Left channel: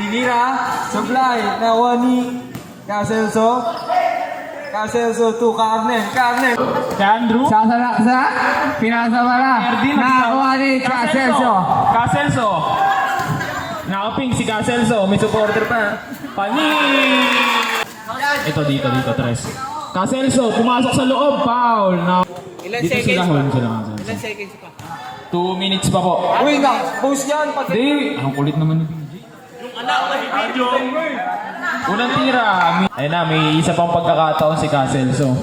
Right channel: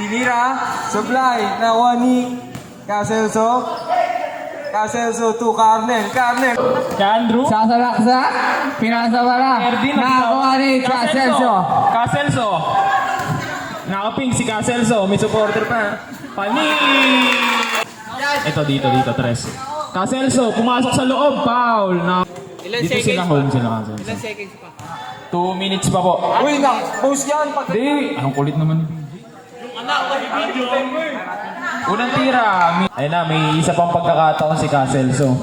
Tinira, supply, nakuha ni Caselso. Caselso to Carmen. Carmen. Kay Andrew. Sasalaksa. Pinasa pala. Nakakuha ni Caselso. Caselso. Nakaping si Caselso. May supporter pa. Pani! Ito dito, Tres. Caselso, pumasok sa loob. Foul. Ilan Dito seconds sila pa? hold sila. Ilan seconds pa? 2 minutes pa po. Uy, post yan. Hindi. Ang kulit naman. Yung anak ko video. Unang tira. Ayun na, may isa pang pagkakataon si Caselso.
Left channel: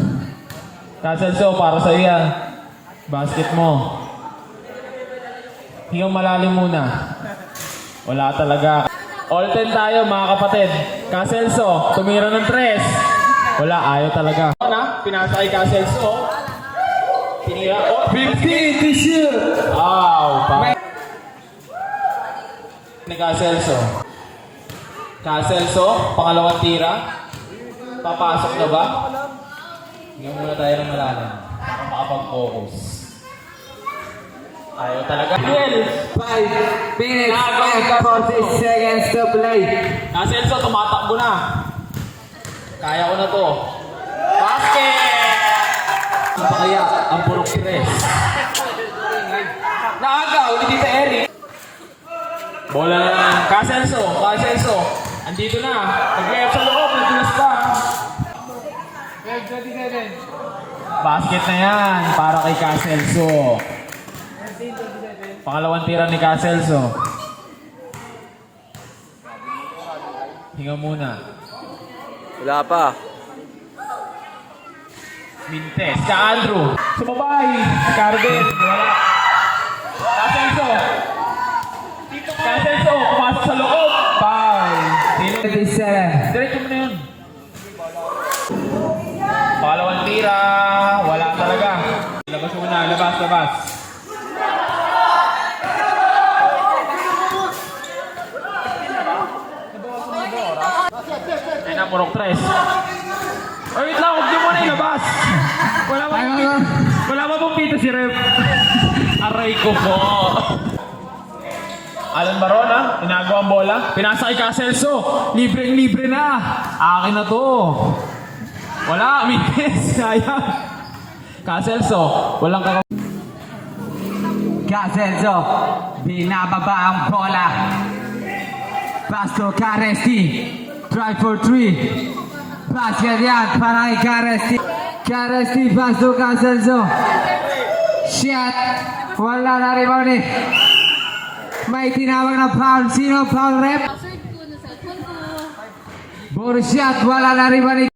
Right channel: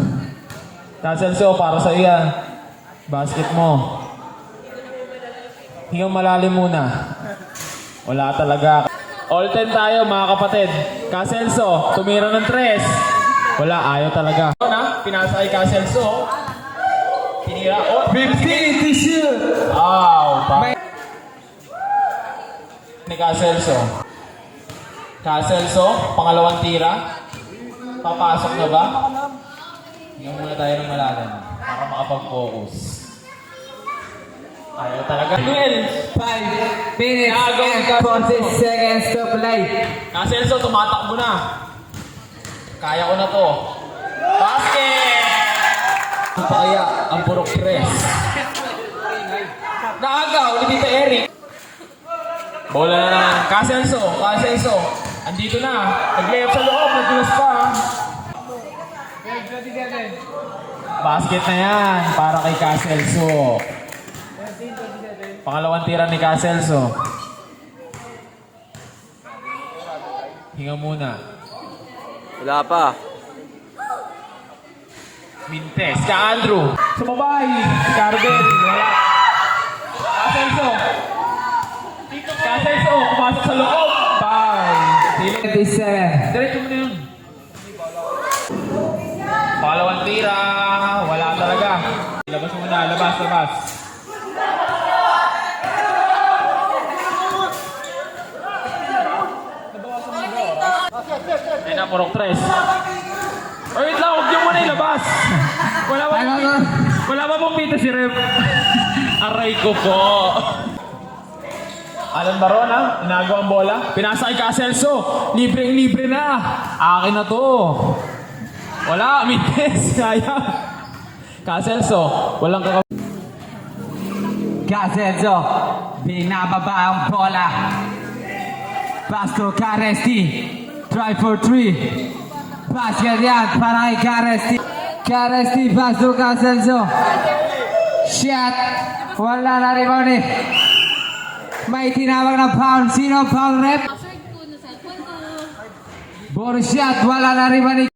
Caselso, para sa yan. Basket mo. Hingang malalim muna. Wala talaga. All 10 tayo mga kapatid. Caselso, tumira ng 3. Wala, ayaw talaga. Pinasa kay Caselso. Tinira. 50 this year. Wow. Ni Caselso. Caselso, pangalawang tira. Papasok na ba? Hindi muna tayo ng malalim. Para makapag-focus. Ayaw talaga. 5 minutes and 40 seconds to play. Caselso, tumatakbo na. Kaya ko na to. Basket! Kaya ang purok 3. Naagaw ni Tita Eric. Bola na. Caselso. Andito na. Nag-left sa loob. Nag-left pa. Basket na yan para kay Caselso. Pangalawang tira ni Caselso. Hinga muna. Wala pa. Mintes. Ka Andrew. Sumabay. Carben. Wala. Caselso. Pumasok sa loob. Bye. 27. Diretso mo na yun. Pangalawang tira. Wala talaga. Labas mo na. Labas. Ay na, purok 3. Oh, wait lang. Huwag niyo muna ilabas. Wala ba pong pito si Rep? Aray ko po. Alan Barona, inagawa ang bola. Pinasa kay Caselso. Libre na. Akin na to. Wala, Mintes. Sayang. Caselso, walang Caselso. Binababa ang bola. Pass to Caresti. Try for 3. Basket yan para kay Caresti. Pass to Caselso. Shot. Wala na rebound eh. May tinawag na foul. Sino foul rep? Bonus shot. Wala na rebound eh.